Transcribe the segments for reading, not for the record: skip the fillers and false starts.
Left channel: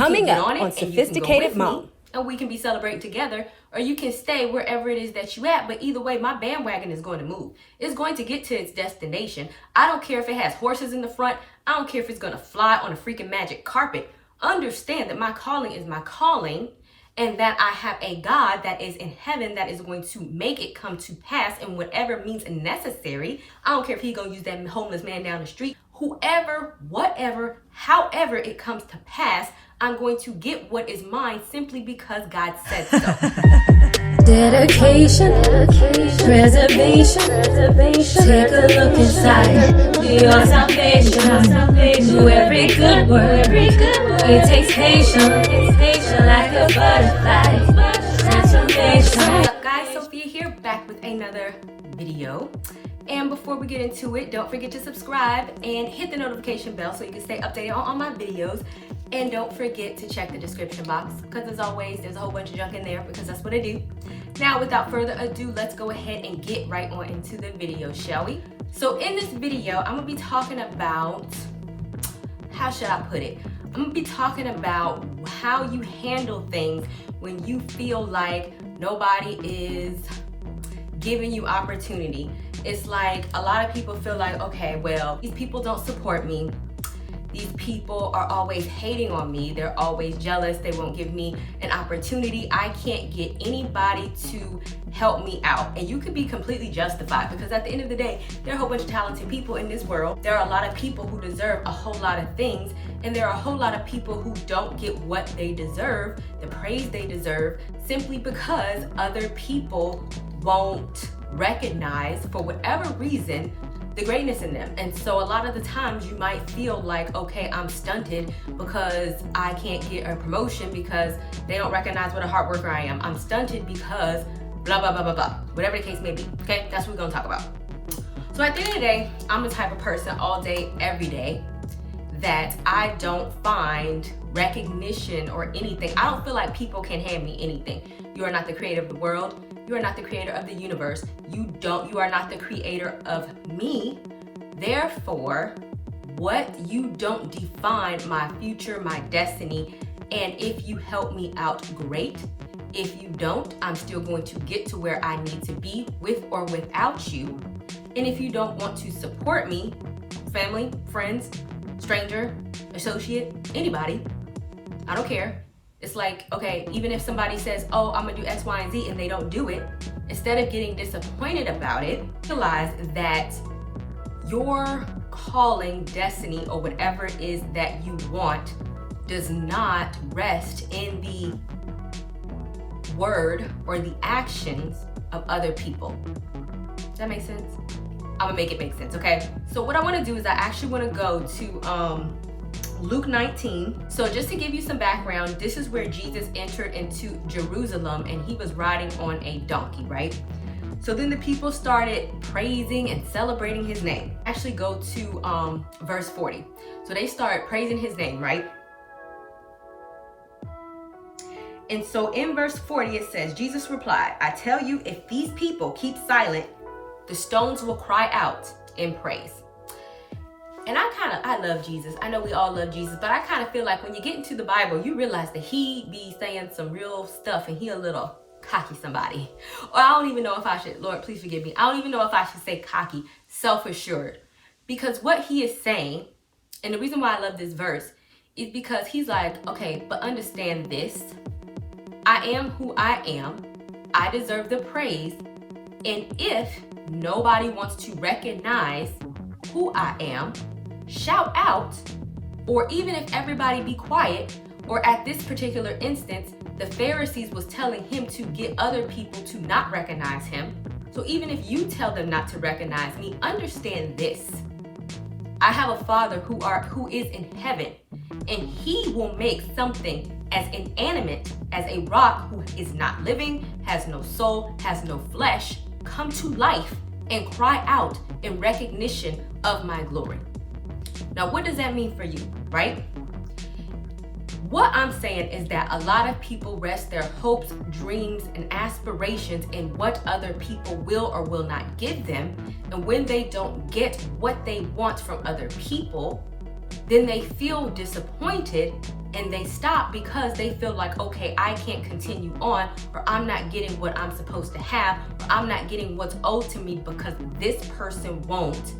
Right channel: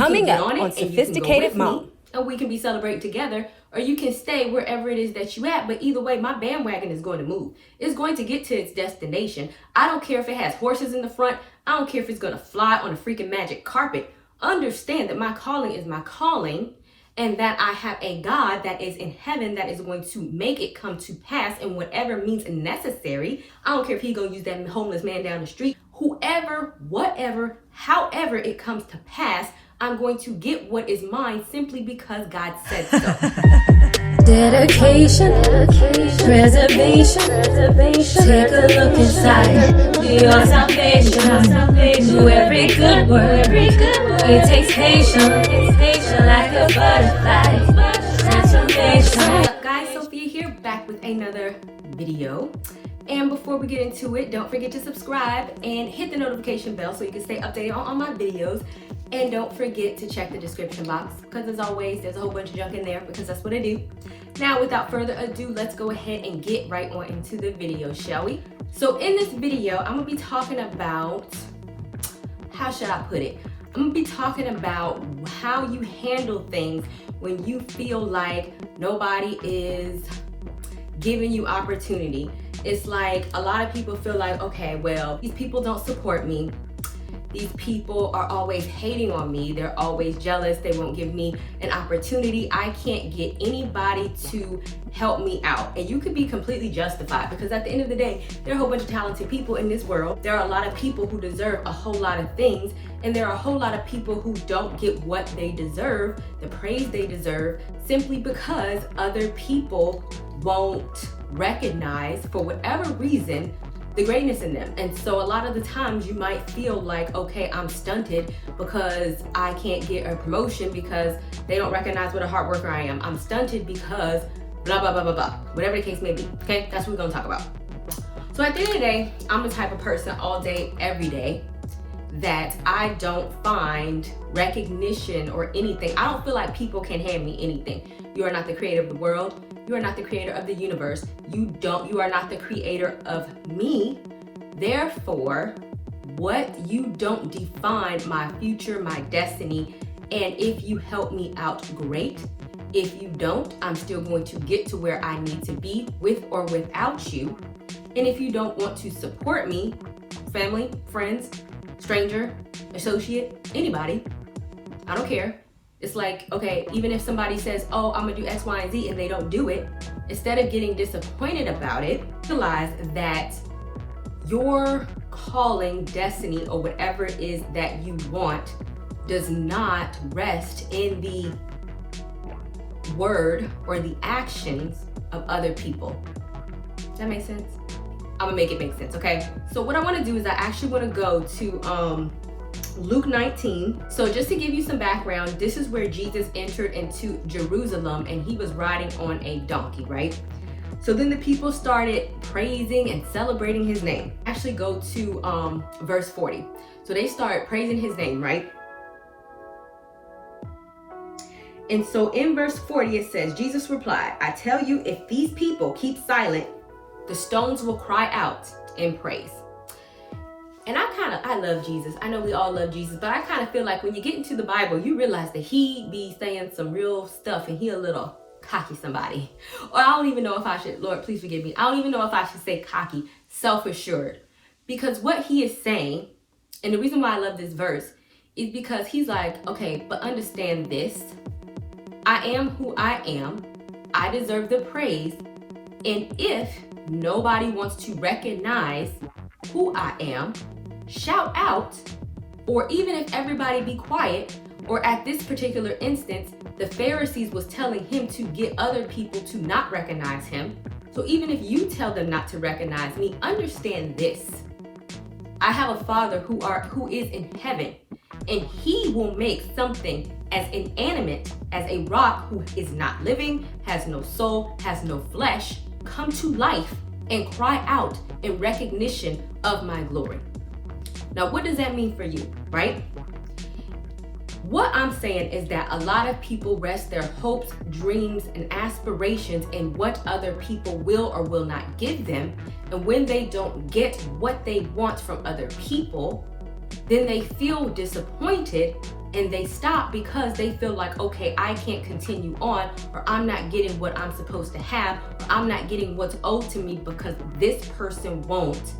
Coming get up on it on and you can go Sophisticated with Mom. me, and we can be celebrating together, or you can stay wherever it is that you at. But either way, my bandwagon is going to move. It's going to get to its destination. I don't care if it has horses in the front. I don't care if it's going to fly on a freaking magic carpet. Understand that my calling is my calling, and that I have a God that is in heaven that is going to make it come to pass in whatever means necessary. I don't care if he's going to use that homeless man down the street. Whoever, whatever, however it comes to pass, I'm going to get what is mine simply because God said so. Dedication, preservation, take a look inside your salvation. Do every good work, it takes patience, like a butterfly, transformation. What's up, guys? Sophia here, back with another video. And before we get into it, don't forget to subscribe and hit the notification bell so you can stay updated on all my videos. And don't forget to check the description box, because as always, there's a whole bunch of junk in there, because that's what I do. Now, without further ado, let's go ahead and get right on into the video, shall we? So in this video, I'm gonna be talking about, how should I put it? I'm gonna be talking about how you handle things when you feel like nobody is giving you opportunity. It's like a lot of people feel like, okay, well, these people don't support me. These people are always hating on me. They're always jealous. They won't give me an opportunity. I can't get anybody to help me out. And you could be completely justified, because at the end of the day, there are a whole bunch of talented people in this world. There are a lot of people who deserve a whole lot of things. And there are a whole lot of people who don't get what they deserve, the praise they deserve, simply because other people won't recognize, for whatever reason, the greatness in them. And so a lot of the times you might feel like, okay, I'm stunted because I can't get a promotion because they don't recognize what a hard worker I am. I'm stunted because blah, blah, blah, blah, blah. Whatever the case may be, okay? That's what we're gonna talk about. So at the end of the day, I'm the type of person all day, every day, that I don't find recognition or anything. I don't feel like people can hand me anything. You are not the creator of the world. You are not the creator of the universe. You are not the creator of me. Therefore, what you don't define my future, my destiny. And if you help me out, great. If you don't, I'm still going to get to where I need to be, with or without you. And if you don't want to support me, family, friends, stranger, associate, anybody, I don't care. It's like, okay, even if somebody says, oh, I'm gonna do X, Y, and Z, and they don't do it, instead of getting disappointed about it, realize that your calling, destiny, or whatever it is that you want does not rest in the word or the actions of other people. Does that make sense? I'm gonna make it make sense, okay? So what I wanna do is I actually wanna go to Luke 19. So just to give you some background, this is where Jesus entered into Jerusalem and he was riding on a donkey, right? So then the people started praising and celebrating his name. Actually go to verse 40. So they started praising his name, right? And so in verse 40 it says, Jesus replied, I tell you, if these people keep silent, the stones will cry out in praise. And I love Jesus. I know we all love Jesus, but I kind of feel like when you get into the Bible, you realize that he be saying some real stuff and he a little cocky somebody. Or I don't even know if I should, Lord, please forgive me. I don't even know if I should say cocky, self-assured. Because what he is saying, and the reason why I love this verse, is because he's like, okay, but understand this. I am who I am. I deserve the praise. And if nobody wants to recognize who I am, shout out, or even if everybody be quiet, or at this particular instance, the Pharisees was telling him to get other people to not recognize him. So even if you tell them not to recognize me, understand this. I have a Father who is in heaven, and he will make something as inanimate as a rock who is not living, has no soul, has no flesh, come to life and cry out in recognition of my glory. Now, what does that mean for you, right? What I'm saying is that a lot of people rest their hopes, dreams, and aspirations in what other people will or will not give them. And when they don't get what they want from other people, then they feel disappointed and they stop because they feel like, okay, I can't continue on, or I'm not getting what I'm supposed to have, or I'm not getting what's owed to me because this person won't.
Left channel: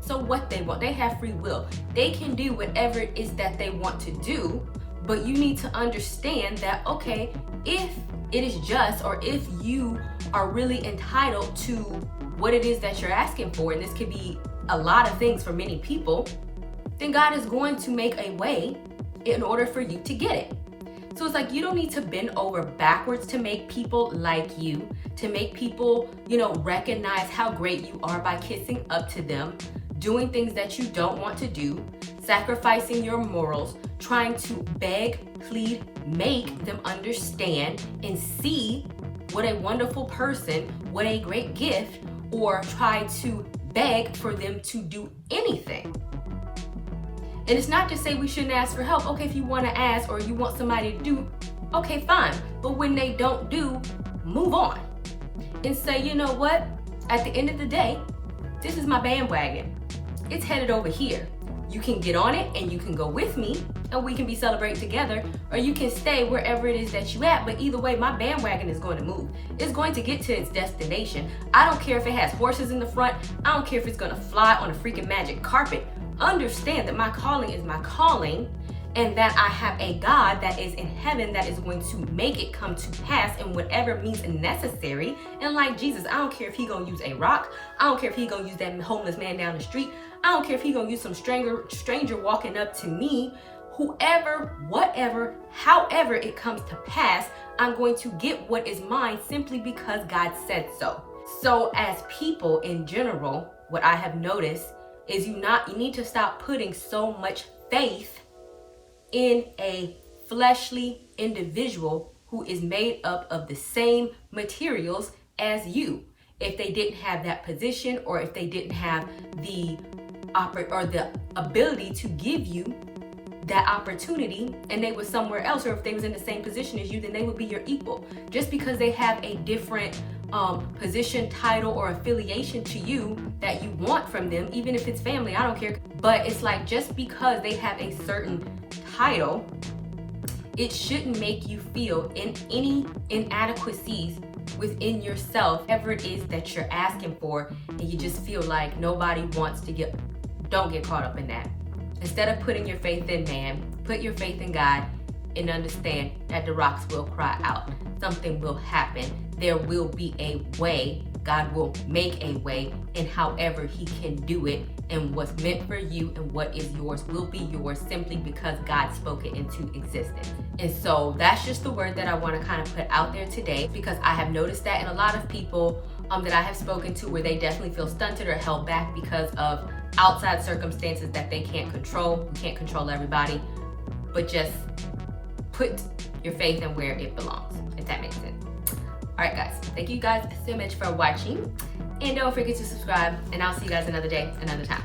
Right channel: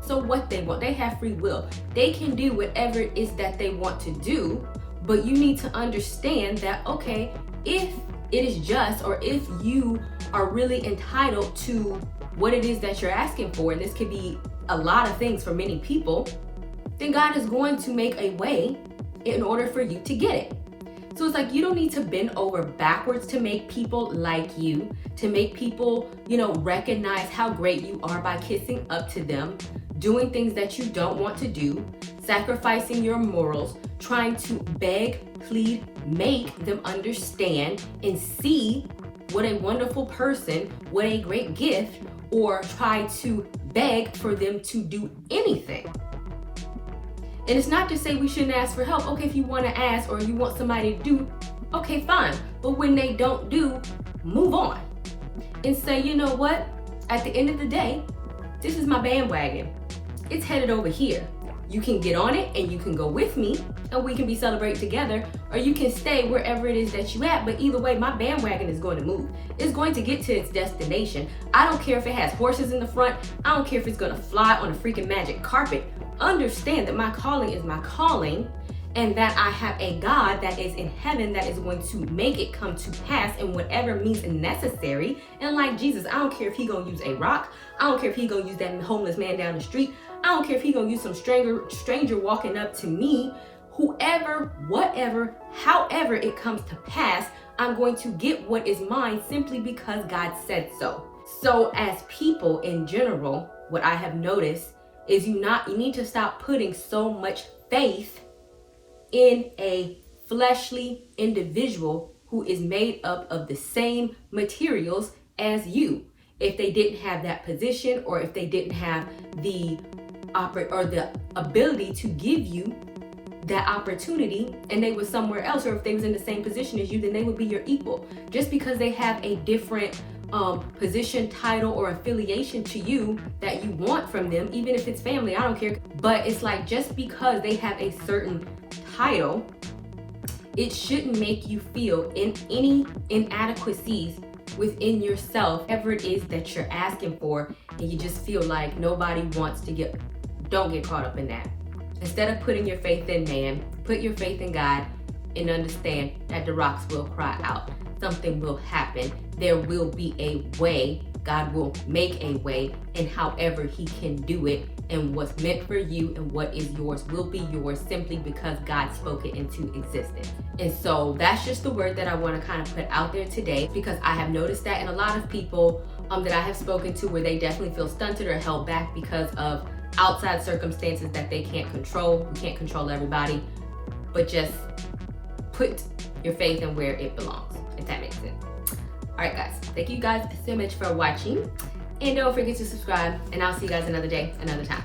So what they want, they have free will. They can do whatever it is that they want to do, but you need to understand that, okay, if it is just, or if you are really entitled to what it is that you're asking for, and this could be a lot of things for many people, then God is going to make a way in order for you to get it. So it's like, you don't need to bend over backwards to make people like you, to make people, recognize how great you are by kissing up to them, doing things that you don't want to do, sacrificing your morals, trying to beg, plead, make them understand and see what a wonderful person, what a great gift, or try to beg for them to do anything. And it's not to say we shouldn't ask for help. Okay, if you want to ask or you want somebody to do, okay, fine. But when they don't do, move on and say, you know what? At the end of the day, this is my bandwagon. It's headed over here. You can get on it and you can go with me and we can be celebrating together, or you can stay wherever it is that you at. But either way, my bandwagon is going to move. It's going to get to its destination. I don't care if it has horses in the front. I don't care if it's going to fly on a freaking magic carpet. Understand that my calling is my calling, and that I have a God that is in heaven that is going to make it come to pass in whatever means necessary. And like Jesus, I don't care if he gonna use a rock. I don't care if he gonna use that homeless man down the street. I don't care if he gonna use some stranger walking up to me. Whoever, whatever, however it comes to pass, I'm going to get what is mine simply because God said so. So as people in general, what I have noticed is you need to stop putting so much faith in a fleshly individual who is made up of the same materials as you. If they didn't have that position, or if they didn't have the ability to give you that opportunity, and they were somewhere else, or if they was in the same position as you, then they would be your equal. Just because they have a different position, title, or affiliation to you that you want from them, even if it's family, I don't care. But it's like, just because they have a certain title, it shouldn't make you feel in any inadequacies within yourself, whatever it is that you're asking for, and you just feel like nobody wants to don't get caught up in that. Instead of putting your faith in man, put your faith in God, and understand that the rocks will cry out. Something will happen. There will be a way. God will make a way, and however he can do it, and what's meant for you and what is yours will be yours, simply because God spoke it into existence. And so that's just the word that I want to kind of put out there today, because I have noticed that in a lot of people that I have spoken to, where they definitely feel stunted or held back because of outside circumstances that they can't control. We can't control everybody, but just put your faith in where it belongs, if that makes sense. All right, guys, thank you guys so much for watching, and don't forget to subscribe, and I'll see you guys another day, another time.